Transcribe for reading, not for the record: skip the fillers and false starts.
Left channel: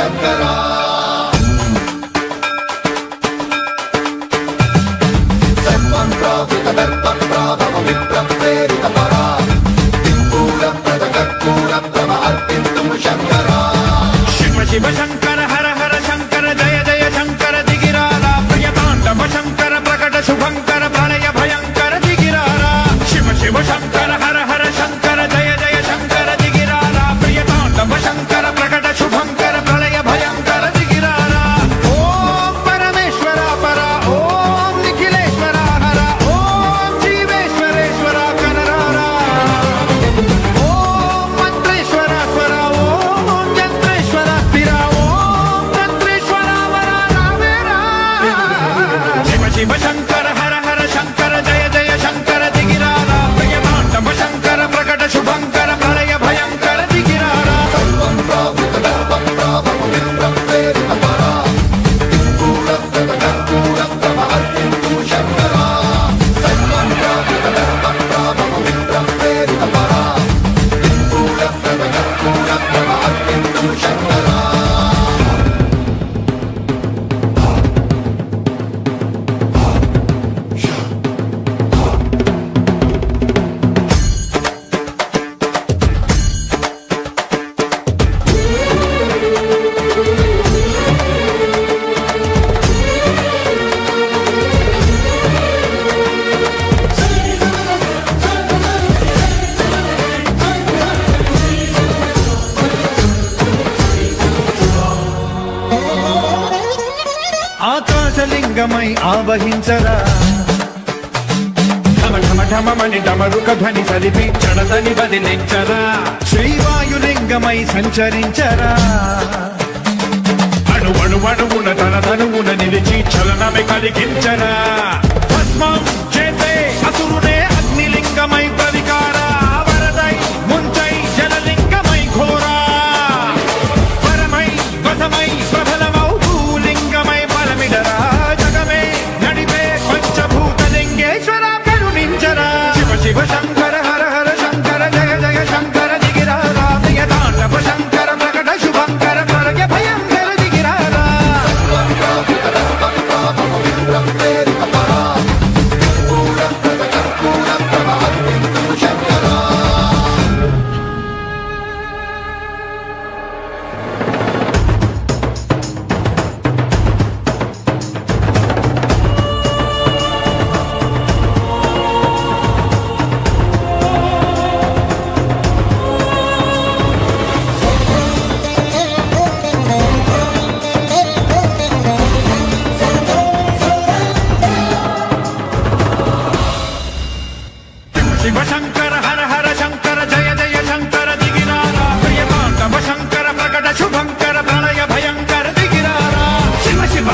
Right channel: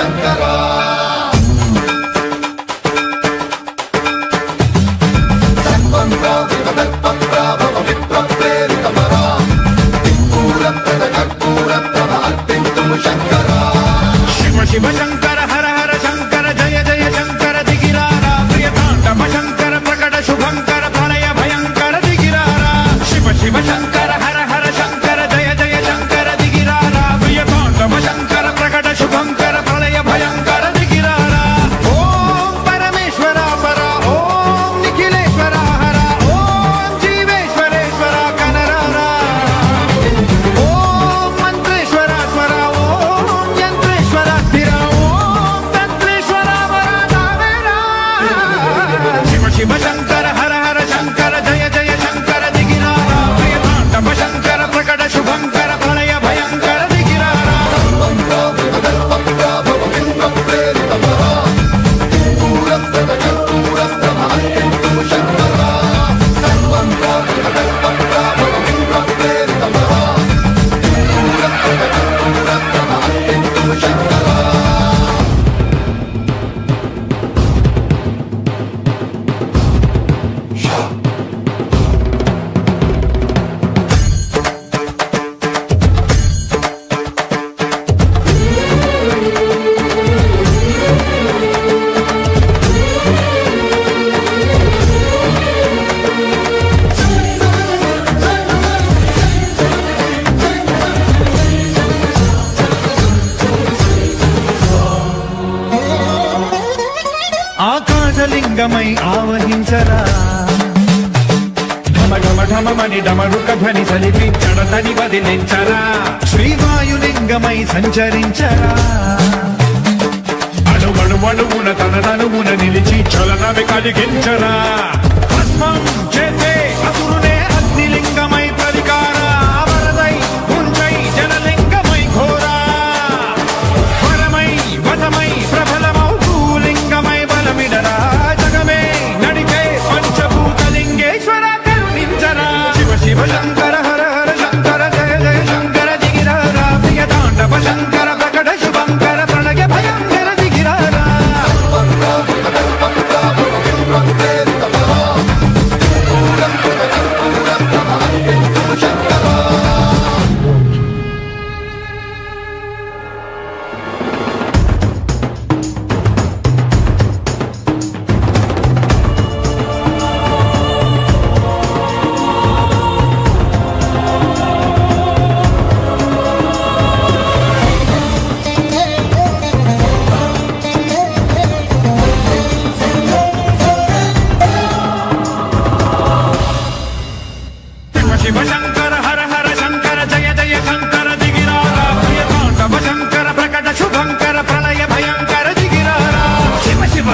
शंकरा शिव शिव शंकर हर हर शंकर जय जय शंकर दिगिरारा प्रिय तांडव शंकर प्रकट शुभंकर प्रणय भयंकर दिगिरारा शिव शिव शंकर हर हर शंकर जय जय शंकर दिगिरारा प्रिय तांडव शंकर प्रकट शुभंकर प्रणय भयंकर दिगिरारा ओम परमेश्वरा परा ओम निखिलेश्वरा हरा ओम जीवेश्वरेश्वरा कनरारा ओम मंत्रेश्वरा स्वरा ओम यंत्रेश्वरा स्थिरा ओम तंत्रेश्वरा वरा नामेरा शिव शिव शंकर हर हर शंकर जय जय शंकर दिगिरारा प्रिय तांडव शंकर प्रकट शुभंकर प्रलय भयंकर दिगिरारा ఆకాశలింగమై ఆవహించరా ఢమ ఢమ ఢమమని డమరుక ధ్వని సలిపి జడదని వదిలించరా శ్రీవాయులింగమై సంచరించరా అణువణువున తన తనువున నిలిచి చలనమే కలిగించరా భస్మం చేసే అసురునే అగ్నిలింగమై ప్రతికార వరదై ముంజై జలలింగమై ఘోరా వరమై వదమై ప్రబలమౌ భూలింగమై బలమిడరా జగమే నడిపే పంచభూతలింగేశ్వర కరుణించరా శివ శివ శంకర హర హర శంకర జయ జయ శంకర దిగిరారా ప్రియ తాండవ శంకర ప్రకట శుభంకర ప్రళయ భయంకర దిగిరారా शिव शंकर हर हर शंकर जय जय शंकर दिगिरारा प्रिय तांडव शंकर प्रकट शुभंकर प्रणय भयंकर दिगिरारा शिव शिव